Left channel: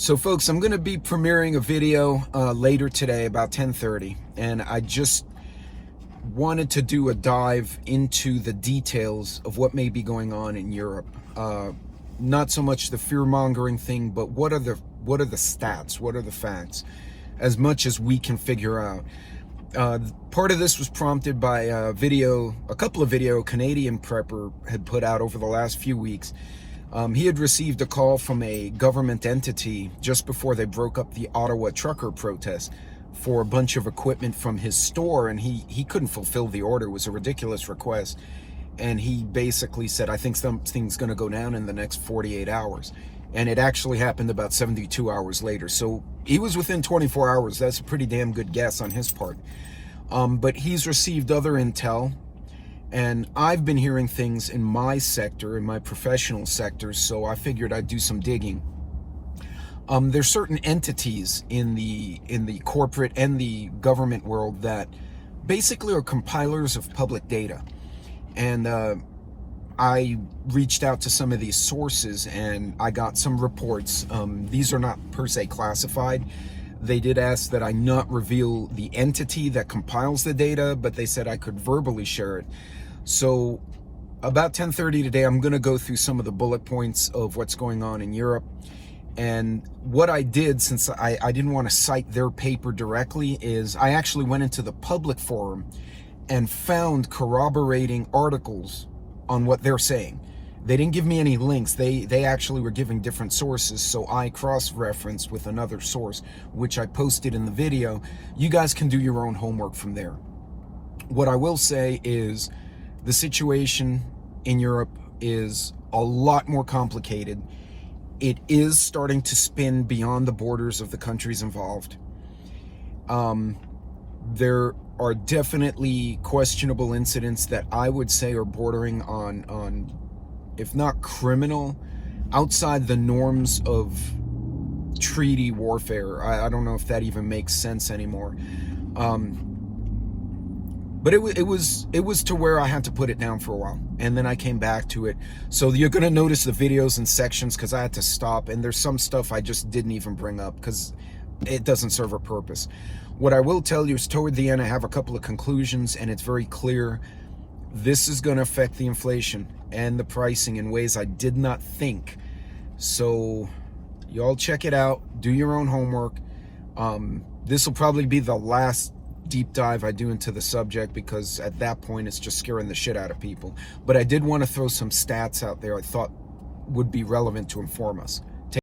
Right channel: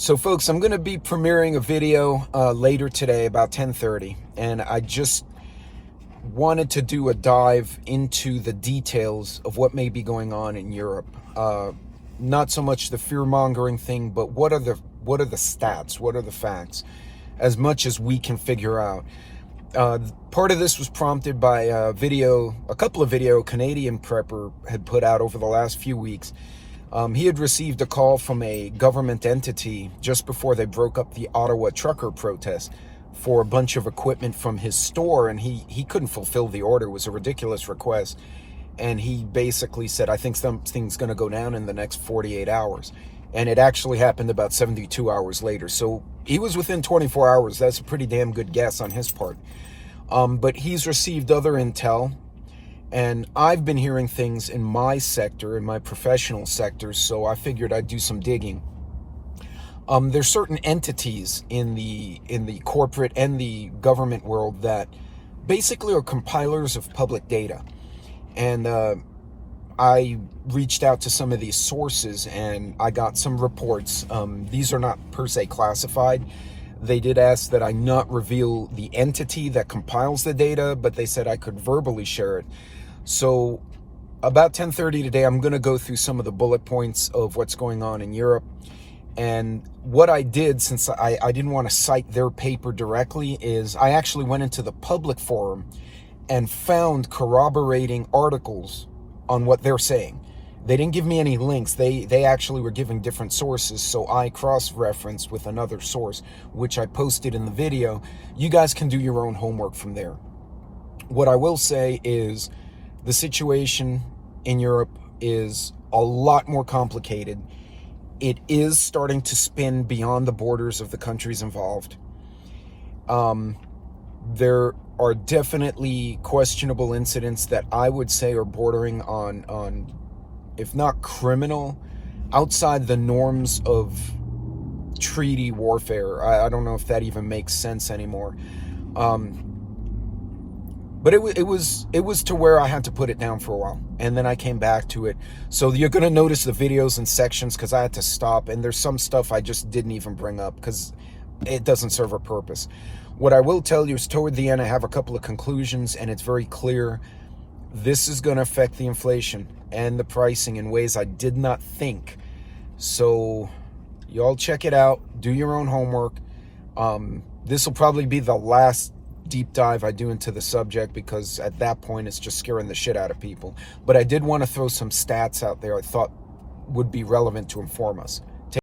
So folks, I'm going to be premiering a video later today about 10:30, and I just wanted to do a dive into the details of what may be going on in Europe. Not so much the fear-mongering thing, but what are the stats, what are the facts, as much as we can figure out. Part of this was prompted by a couple of video Canadian prepper had put out over the last few weeks. He had received a call from a government entity just before they broke up the Ottawa trucker protest for a bunch of equipment from his store, and he couldn't fulfill the order. It was a ridiculous request, and he basically said, I think something's going to go down in the next 48 hours. And it actually happened about 72 hours later. So he was within 24 hours. That's a pretty damn good guess on his part. But he's received other intel, and I've been hearing things in my sector, in my professional sector, so I figured I'd do some digging. There's certain entities in the corporate and the government world that basically are compilers of public data. And I reached out to some of these sources, and I got some reports. These are not per se classified. They did ask that I not reveal the entity that compiles the data, but they said I could verbally share it. So about 10:30 today, I'm going to go through some of the bullet points of what's going on in Europe. And what I did, since I didn't want to cite their paper directly, is I actually went into the public forum and found corroborating articles on what they're saying. They didn't give me any links. They actually were giving different sources, so I cross-referenced with another source, which I posted in the video. You guys can do your own homework from there. What I will say is the situation in Europe is a lot more complicated. It is starting to spin beyond the borders of the countries involved. There are definitely questionable incidents that I would say are bordering on if not criminal, outside the norms of treaty warfare. I don't know if that even makes sense anymore. But it was to where I had to put it down for a while, and then I came back to it. So you're going to notice the videos in sections because I had to stop, and there's some stuff I just didn't even bring up because it doesn't serve a purpose. What I will tell you is toward the end I have a couple of conclusions, and it's very clear this is going to affect the inflation and the pricing in ways I did not think. So y'all check it out, do your own homework. This will probably be the last deep dive I do into the subject, because at that point it's just scaring the shit out of people. But I did want to throw some stats out there I thought would be relevant to inform us.